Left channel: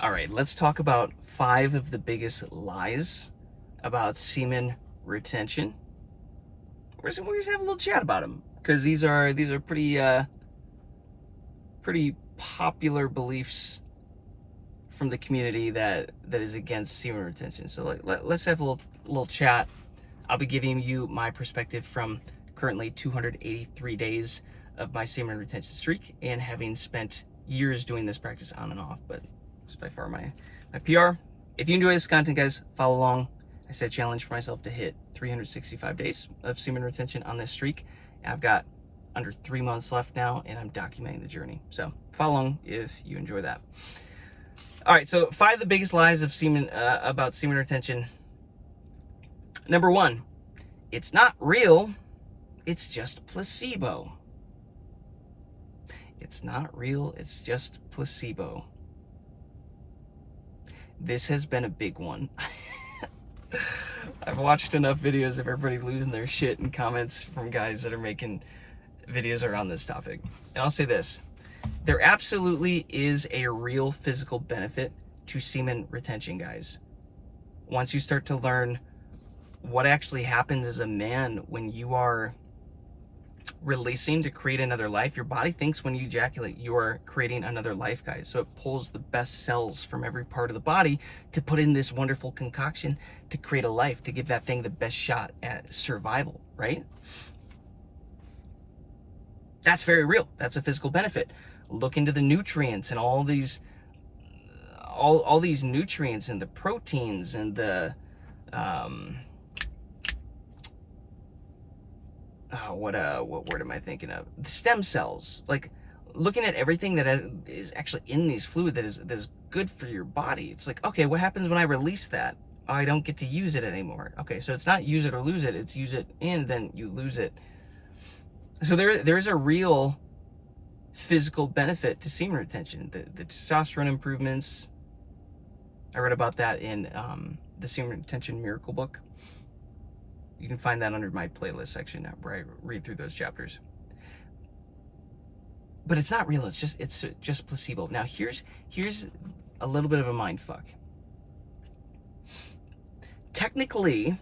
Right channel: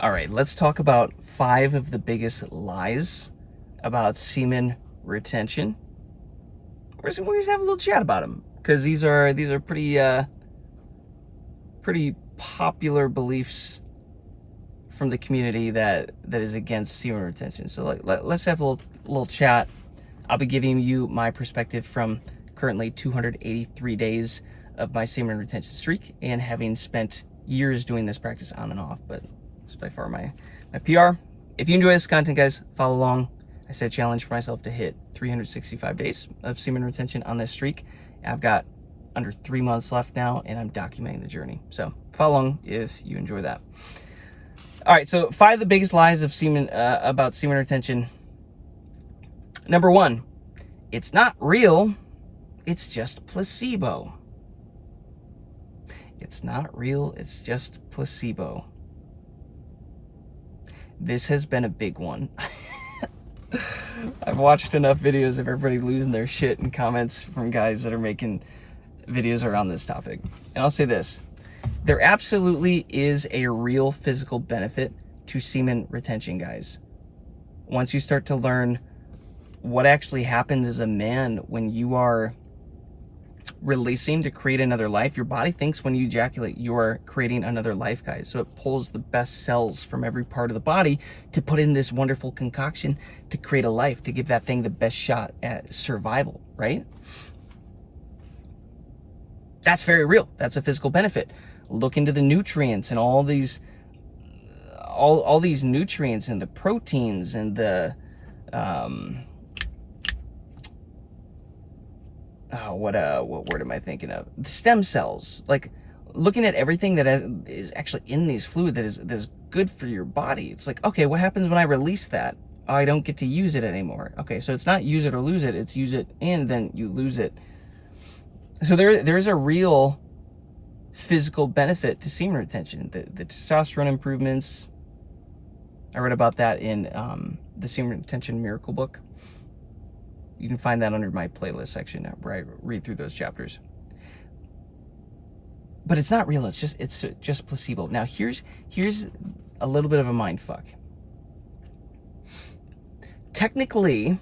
All right, let's talk about 5 of the biggest lies about semen retention. We're just have a little chat about them because these are pretty popular beliefs from the community that is against semen retention. So let's have a little chat. I'll be giving you my perspective from currently 283 days of my semen retention streak and having spent years doing this practice on and off, but it's by far my PR. If you enjoy this content, guys, follow along. I set a challenge for myself to hit 365 days of semen retention on this streak. I've got under 3 months left now, and I'm documenting the journey. So follow along if you enjoy that. All right, so 5 of the biggest lies of semen about semen retention. Number 1, it's not real. It's just placebo. It's not real. It's just placebo. This has been a big one. I've watched enough videos of everybody losing their shit in comments from guys that are making videos around this topic. And I'll say this. There absolutely is a real physical benefit to semen retention, guys. Once you start to learn what actually happens as a man when you are releasing to create another life, your body thinks when you ejaculate you are creating another life, guys. So it pulls the best cells from every part of the body to put in this wonderful concoction to create a life, to give that thing the best shot at survival, right? That's very real. That's a physical benefit. Look into the nutrients and all these nutrients and the proteins and the what word am I thinking of? The stem cells. Like, looking at everything that is actually in these fluid that is good for your body. It's like, okay, what happens when I release that? Oh, I don't get to use it anymore. Okay, so it's not use it or lose it. It's use it and then you lose it. So there's a real physical benefit to semen retention. The testosterone improvements. I read about that in the Semen Retention Miracle book. You can find that under my playlist section where I read through those chapters. But it's not real. It's just placebo. Now here's a little bit of a mind fuck. Technically,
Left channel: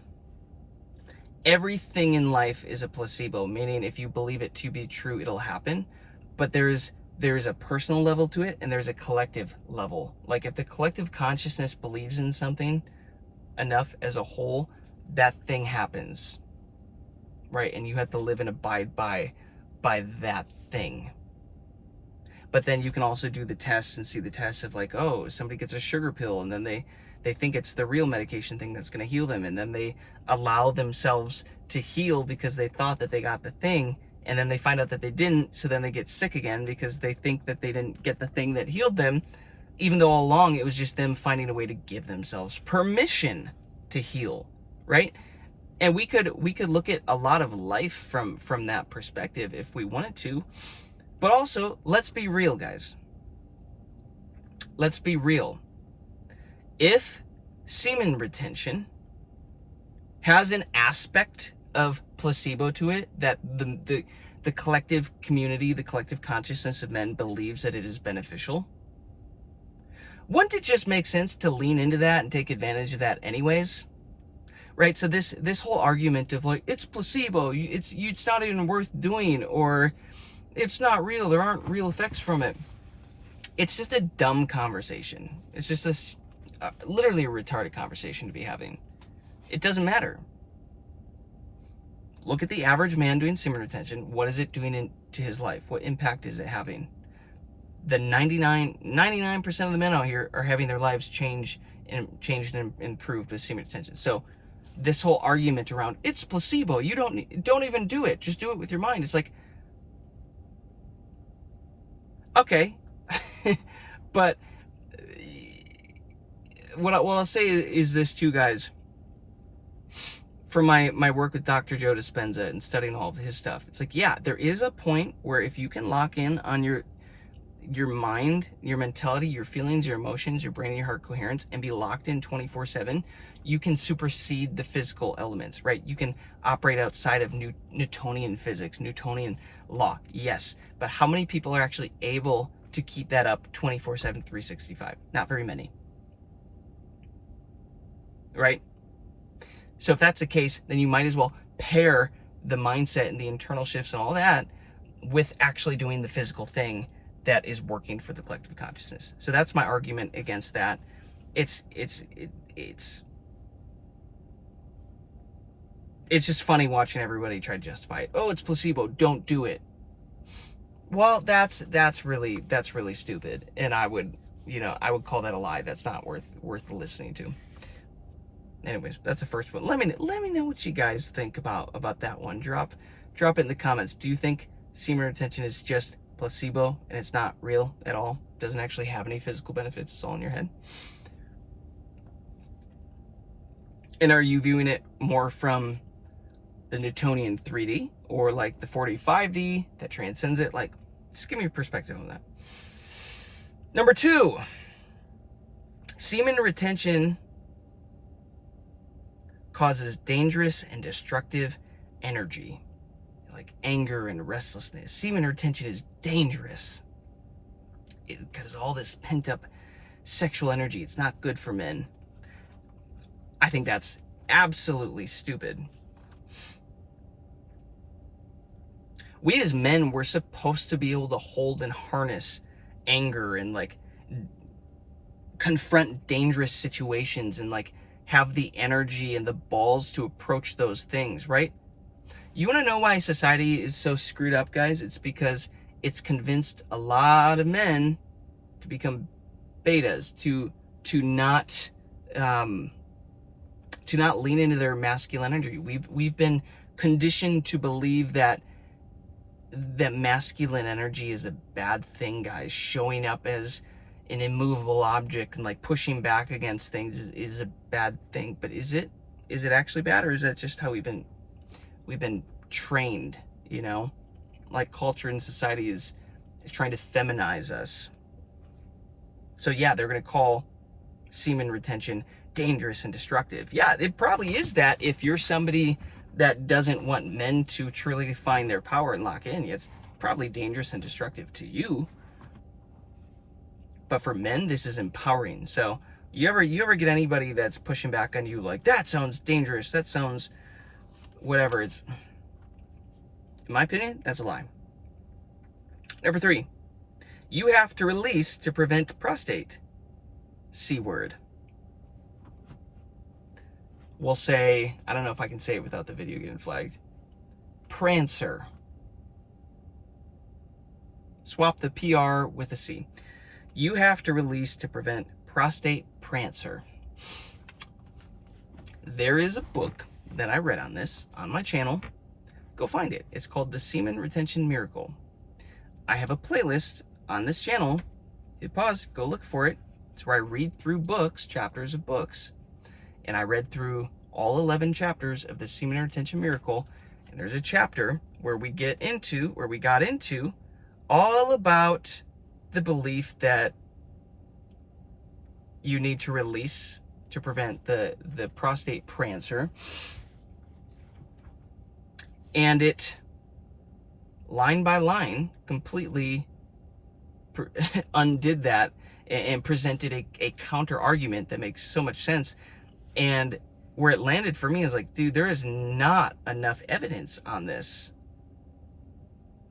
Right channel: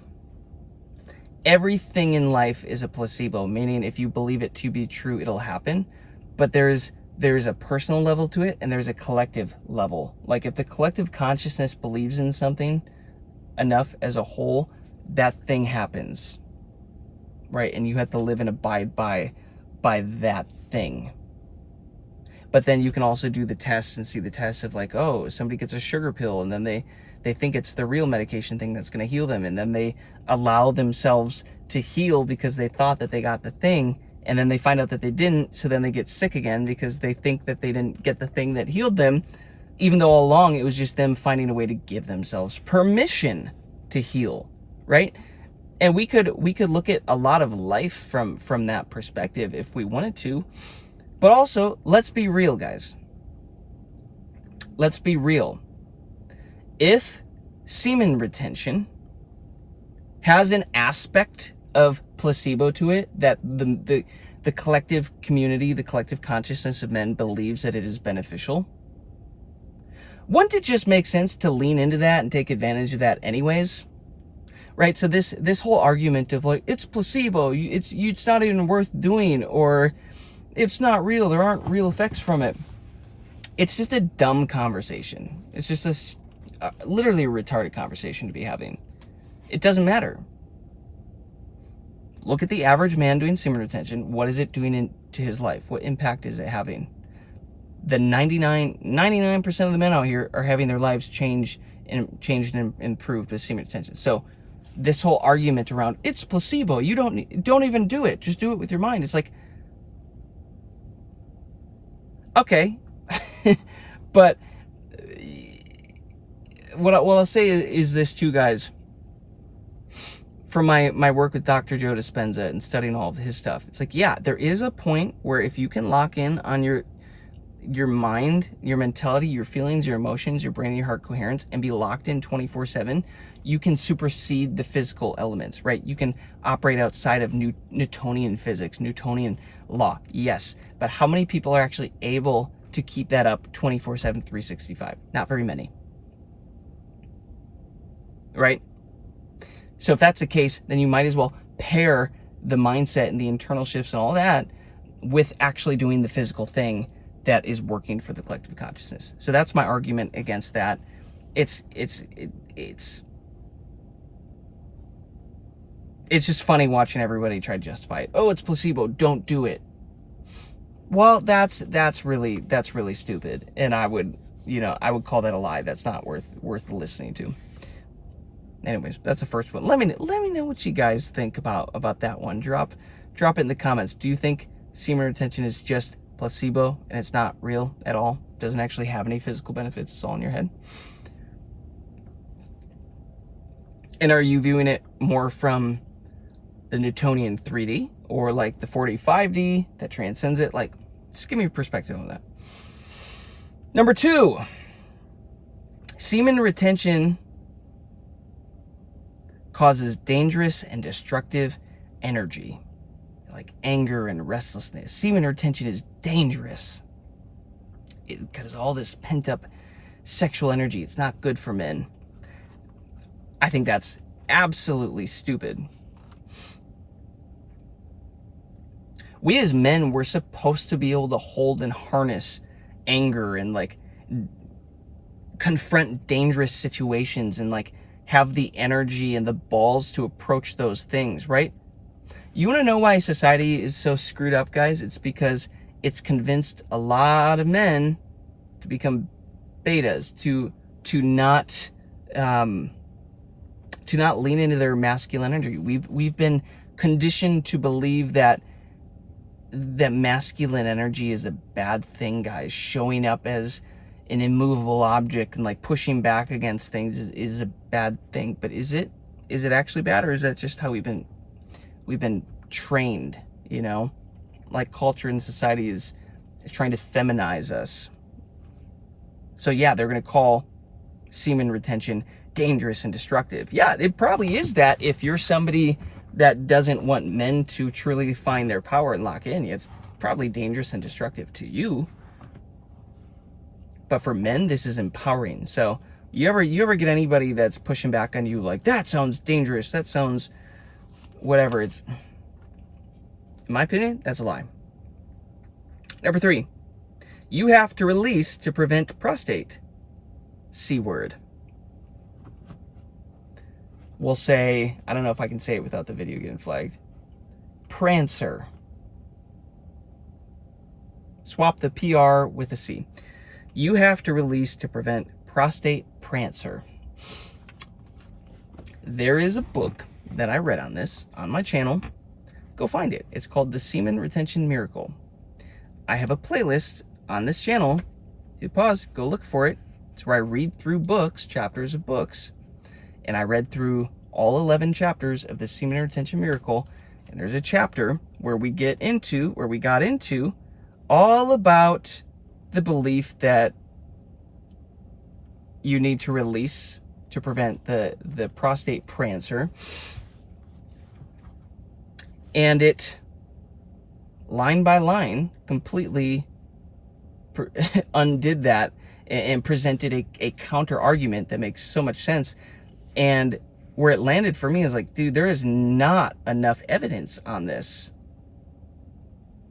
everything in life is a placebo, meaning if you believe it to be true, it'll happen. But there's a personal level to it and there's a collective level. Like, if the collective consciousness believes in something enough as a whole, that thing happens, right? And you have to live and abide by that thing. But then you can also do the tests and see the tests of, like, oh, somebody gets a sugar pill and then they think it's the real medication thing that's going to heal them, and then they allow themselves to heal because they thought that they got the thing, and then they find out that they didn't, so then they get sick again because they think that they didn't get the thing that healed them, even though all along it was just them finding a way to give themselves permission to heal, right? And we could look at a lot of life from that perspective if we wanted to. But also, let's be real, guys. Let's be real. If semen retention has an aspect of placebo to it, that the collective community, the collective consciousness of men believes that it is beneficial, wouldn't it just make sense to lean into that and take advantage of that anyways? Right? So this whole argument of, like, it's placebo, it's not even worth doing, or it's not real, there aren't real effects from it. It's just a dumb conversation. It's just literally a retarded conversation to be having. It doesn't matter. Look at the average man doing semen retention. What is it doing into his life? What impact is it having? The 99% of the men out here are having their lives changed and improved with semen retention. So this whole argument around, it's placebo, you don't even do it, just do it with your mind. It's like, okay. But what I'll say is this too, guys. From my work with Dr. Joe Dispenza and studying all of his stuff, it's like, yeah, there is a point where if you can lock in on your mind, your mentality, your feelings, your emotions, your brain, and your heart coherence, and be locked in 24/7, you can supersede the physical elements, right? You can operate outside of Newtonian physics, Newtonian law, yes. But how many people are actually able to keep that up 24/7, 365. Not very many. Right? So if that's the case, then you might as well pair the mindset and the internal shifts and all that with actually doing the physical thing that is working for the collective consciousness. So that's my argument against that. It's just funny watching everybody try to justify it. Oh, it's placebo. Don't do it. Well, that's really stupid, and I would call that a lie. That's not worth listening to. Anyways, that's the first one. Let me know what you guys think about that one. Drop it in the comments. Do you think semen retention is just placebo and it's not real at all? Doesn't actually have any physical benefits. It's all in your head. And are you viewing it more from the Newtonian 3D or like the 4D, 5D that transcends it? Like, just give me your perspective on that. Number 2, semen retention causes dangerous and destructive energy, like anger and restlessness. Semen retention is dangerous because all this pent-up sexual energy, it's not good for men. I think that's absolutely stupid. We as men, we're supposed to be able to hold and harness anger and like confront dangerous situations and like have the energy and the balls to approach those things, right? You want to know why society is so screwed up, guys? It's because it's convinced a lot of men to become betas, to not lean into their masculine energy. We've been conditioned to believe that masculine energy is a bad thing, guys. Showing up as an immovable object and like pushing back against things is a bad thing. But is it actually bad, or is that just how we've been trained? You know, like culture and society is trying to feminize us. So yeah, they're gonna call semen retention dangerous and destructive. Yeah, it probably is that if you're somebody that doesn't want men to truly find their power and lock in. It's probably dangerous and destructive to you. But for men, this is empowering. So you ever get anybody that's pushing back on you like, that sounds dangerous, that sounds whatever, it's, in my opinion, that's a lie. Number 3, you have to release to prevent prostate. C word. We'll say, I don't know if I can say it without the video getting flagged. Prancer. Swap the PR with a C. You have to release to prevent prostate prancer. There is a book that I read on this on my channel. Go find it. It's called The Semen Retention Miracle. I have a playlist on this channel. Hit pause, go look for it. It's where I read through books, chapters of books. And I read through all 11 chapters of the Semen Retention Miracle. And there's a chapter where we got into all about the belief that you need to release to prevent the prostate prancer. And it, line by line, completely undid that and presented a counter argument that makes so much sense. And where it landed for me is like, dude, there is not enough evidence on this.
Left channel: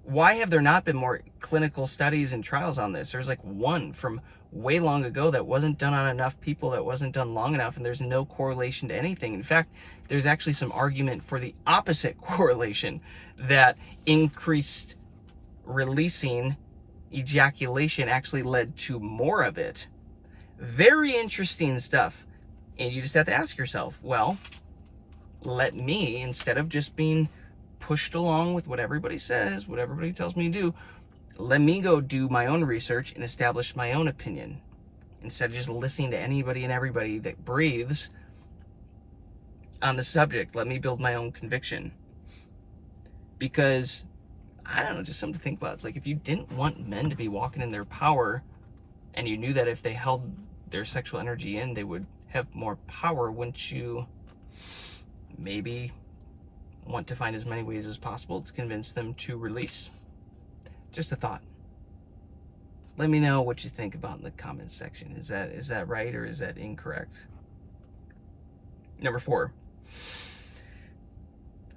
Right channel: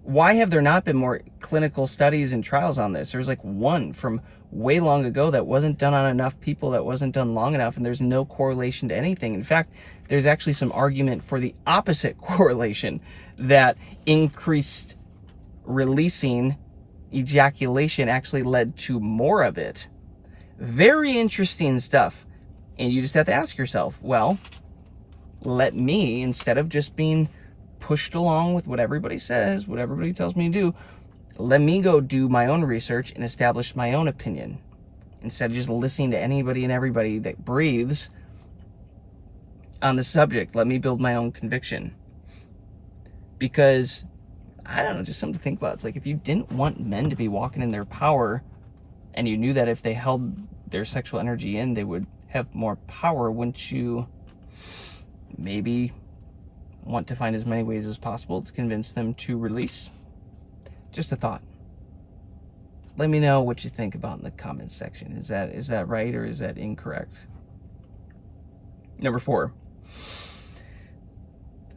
Why have there not been more clinical studies and trials on this? There's like one from way long ago that wasn't done on enough people, that wasn't done long enough, and there's no correlation to anything. In fact, there's actually some argument for the opposite correlation, that increased releasing ejaculation actually led to more of it. Very interesting stuff. And you just have to ask yourself, well, let me, instead of just being pushed along with what everybody says, what everybody tells me to do, let me go do my own research and establish my own opinion. Instead of just listening to anybody and everybody that breathes on the subject, let me build my own conviction. Because, I don't know, just something to think about. It's like, if you didn't want men to be walking in their power, and you knew that if they held their sexual energy in, they would have more power, wouldn't you maybe want to find as many ways as possible to convince them to release? Just a thought. Let me know what you think about in the comments section. Is that right or is that incorrect? Number 4.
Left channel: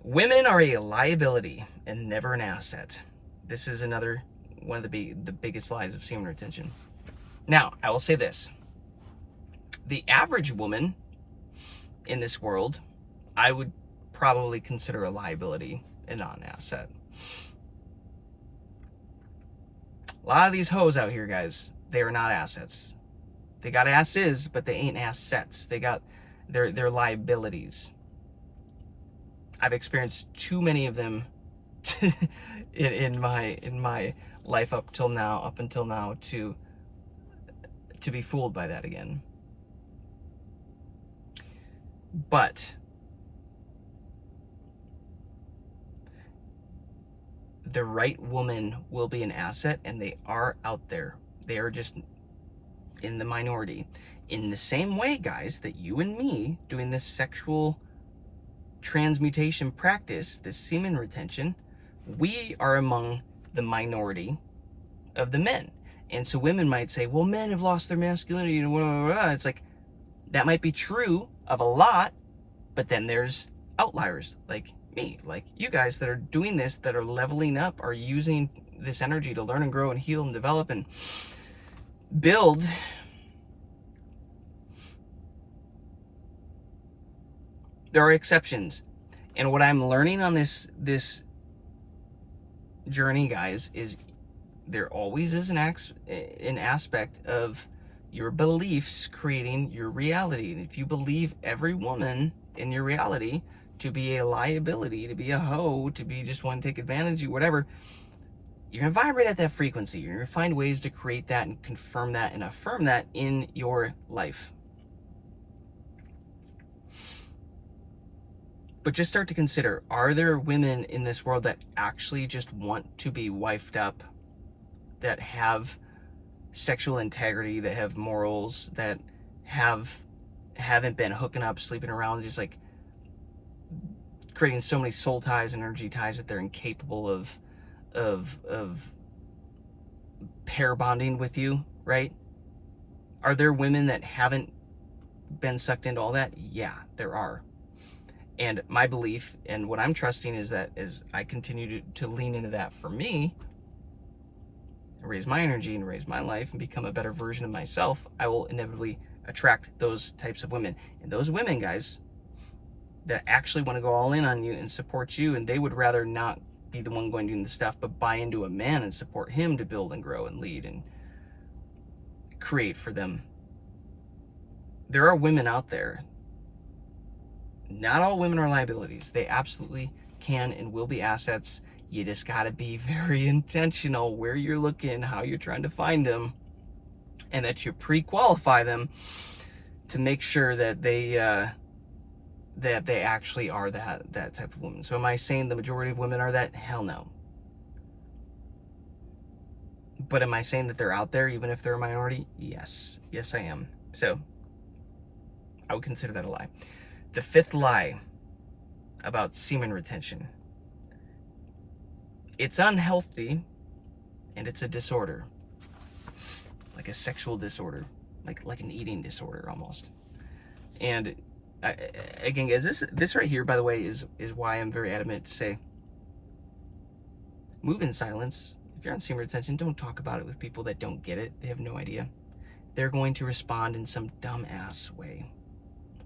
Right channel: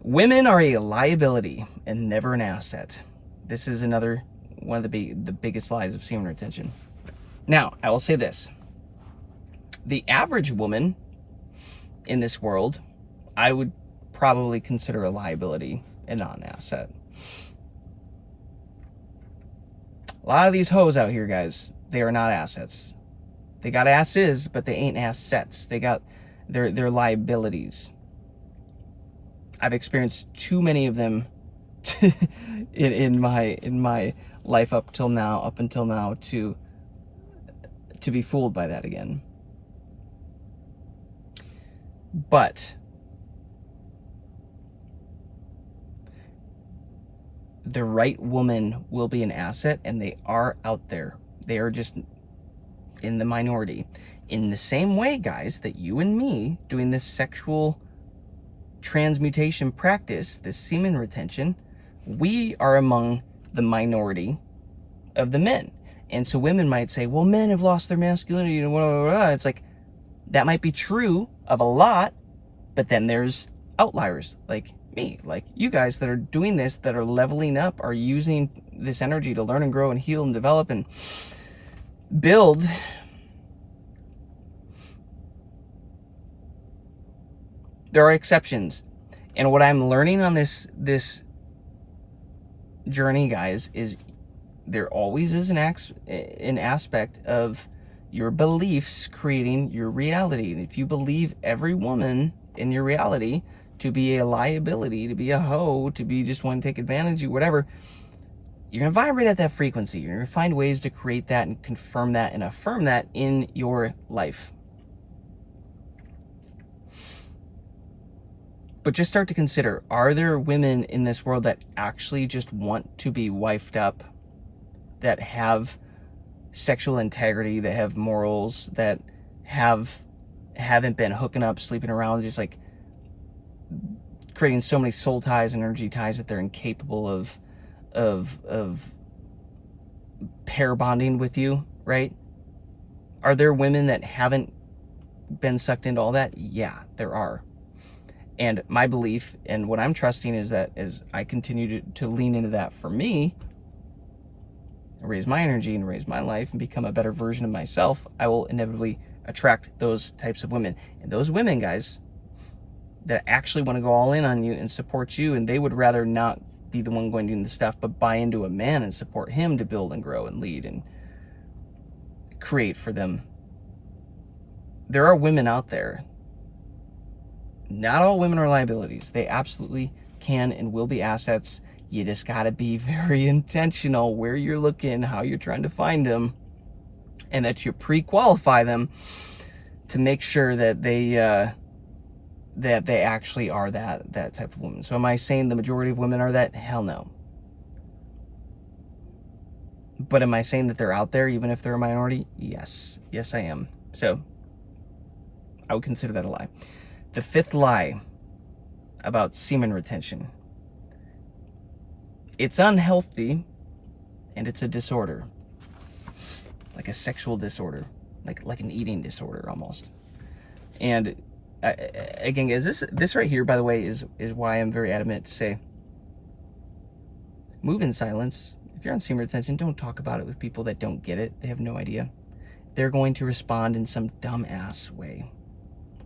Women are a liability and never an asset. This is another one of the biggest lies of semen retention. Now, I will say this. The average woman in this world, I would probably consider a liability and not an asset. A lot of these hoes out here, guys, they are not assets. They got asses, but they ain't assets. They're liabilities. I've experienced too many of them in my life up until now to be fooled by that again. But the right woman will be an asset, and they are out there. They are just in the minority. In the same way, guys, that you and me doing this sexual transmutation practice, this semen retention, we are among the minority of the men. And so women might say, well, men have lost their masculinity and blah, blah, blah. It's like, that might be true of a lot, but then there's outliers like me, like you guys that are doing this, that are leveling up, are using this energy to learn and grow and heal and develop and build. There are exceptions. And what I'm learning on this journey, guys, is there always is an aspect of your beliefs creating your reality. And if you believe every woman in your reality to be a liability, to be a hoe, to be just one to take advantage of you, whatever, you're going to vibrate at that frequency. You're going to find ways to create that and confirm that and affirm that in your life. But just start to consider, are there women in this world that actually just want to be wifed up, that have sexual integrity, that have morals, that haven't been hooking up, sleeping around, just like creating so many soul ties and energy ties that they're incapable of pair bonding with you, right? Are there women that haven't been sucked into all that? Yeah, there are. And my belief and what I'm trusting is that as I continue to lean into that for me, raise my energy and raise my life and become a better version of myself, I will inevitably attract those types of women. And those women, guys, that actually want to go all in on you and support you, and they would rather not be the one going doing the stuff, but buy into a man and support him to build and grow and lead and create for them. There are women out there. Not all women are liabilities. They absolutely can and will be assets. You just got to be very intentional where you're looking, how you're trying to find them, and that you pre-qualify them to make sure that they actually are that type of woman. So am I saying the majority of women are that? Hell no. But am I saying that they're out there even if they're a minority? Yes. Yes, I am. So I would consider that a lie. The 5th lie about semen retention. It's unhealthy and it's a disorder. Like a sexual disorder. Like an eating disorder almost. And again, guys, this right here, by the way, is why I'm very adamant to say, move in silence. If you're on semen retention, don't talk about it with people that don't get it. They have no idea. They're going to respond in some dumbass way.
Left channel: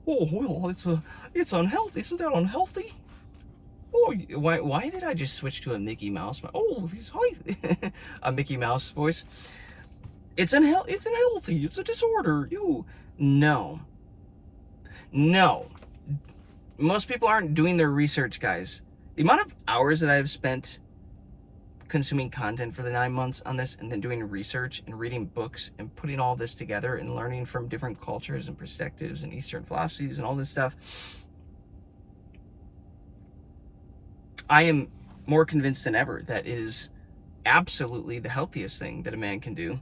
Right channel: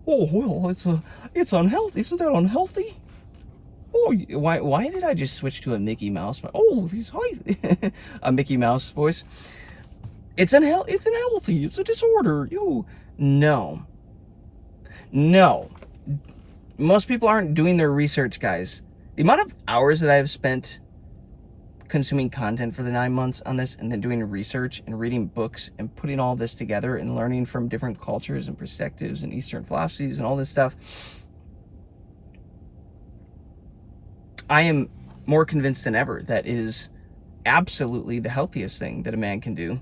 Oh, well, it's unhealthy. Isn't that unhealthy? Oh, why did I just switch to a Mickey Mouse? Oh, a Mickey Mouse voice. It's unhealthy. It's a disorder. No. Most people aren't doing their research, guys. The amount of hours that I've spent consuming content for the 9 months on this, and then doing research and reading books and putting all this together and learning from different cultures and perspectives and Eastern philosophies and all this stuff, I am more convinced than ever that it is absolutely the healthiest thing that a man can do,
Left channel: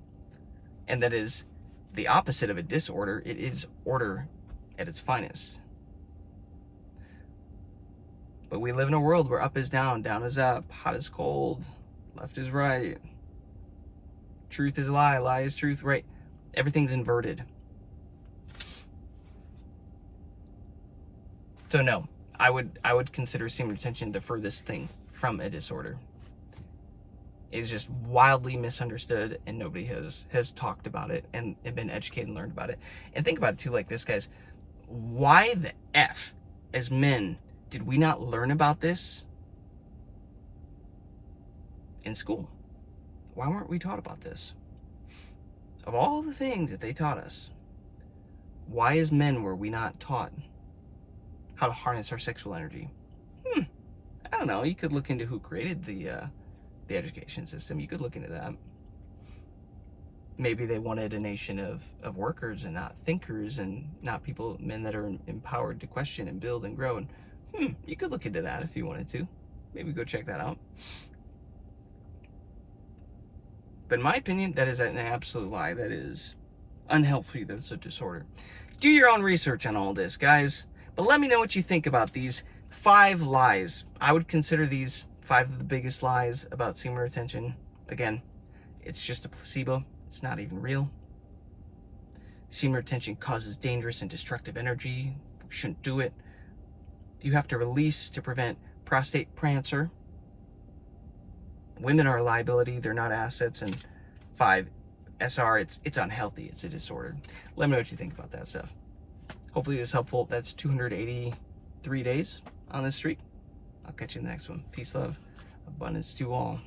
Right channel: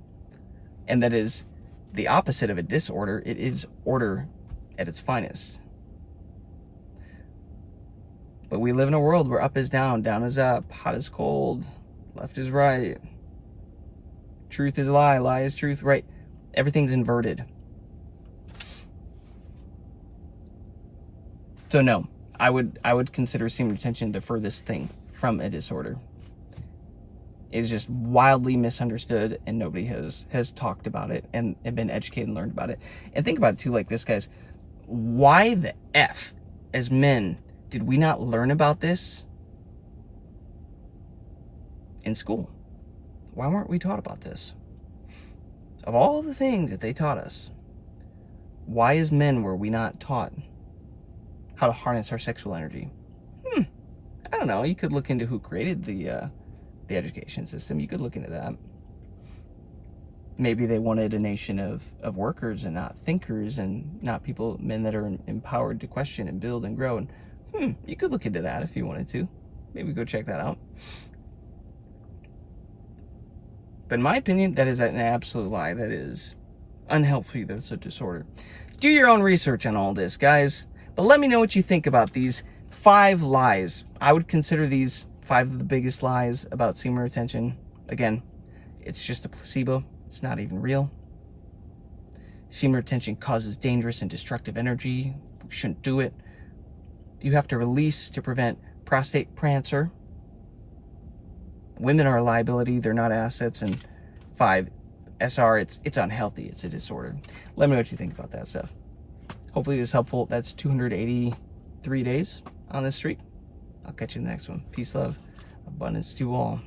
and that is the opposite of a disorder. It is order at its finest. But we live in a world where up is down, down is up, hot is cold, left is right. truth is a lie, lie is truth, right? Everything's inverted. So no, I would consider semen retention the furthest thing from a disorder. It's just wildly misunderstood, and nobody has talked about it and been educated and learned about it. And think about it too, like this, guys. Why the F, as men, did we not learn about this in school? Why weren't we taught about this? Of all the things that they taught us, why as men were we not taught how to harness our sexual energy? I don't know. You could look into who created the education system. You could look into that. Maybe they wanted a nation of workers and not thinkers, and not men that are empowered to question and build and grow. And you could look into that if you wanted to. Maybe go check that out. But in my opinion, that is an absolute lie. That is unhealthy. That it's a disorder. Do your own research on all this, guys. But let me know what you think about these 5 lies. I would consider these 5 of the biggest lies about semen retention. Again, it's just a placebo. It's not even real. Semen retention causes dangerous and destructive energy. We shouldn't do it. You have to release to prevent prostate cancer. Women are a liability. They're not assets. And 5, SR, it's unhealthy. It's a disorder. Let me know what you think about that stuff. Hopefully this is helpful. That's 283 days on this streak. I'll catch you in the next one. Peace, love, abundance to all.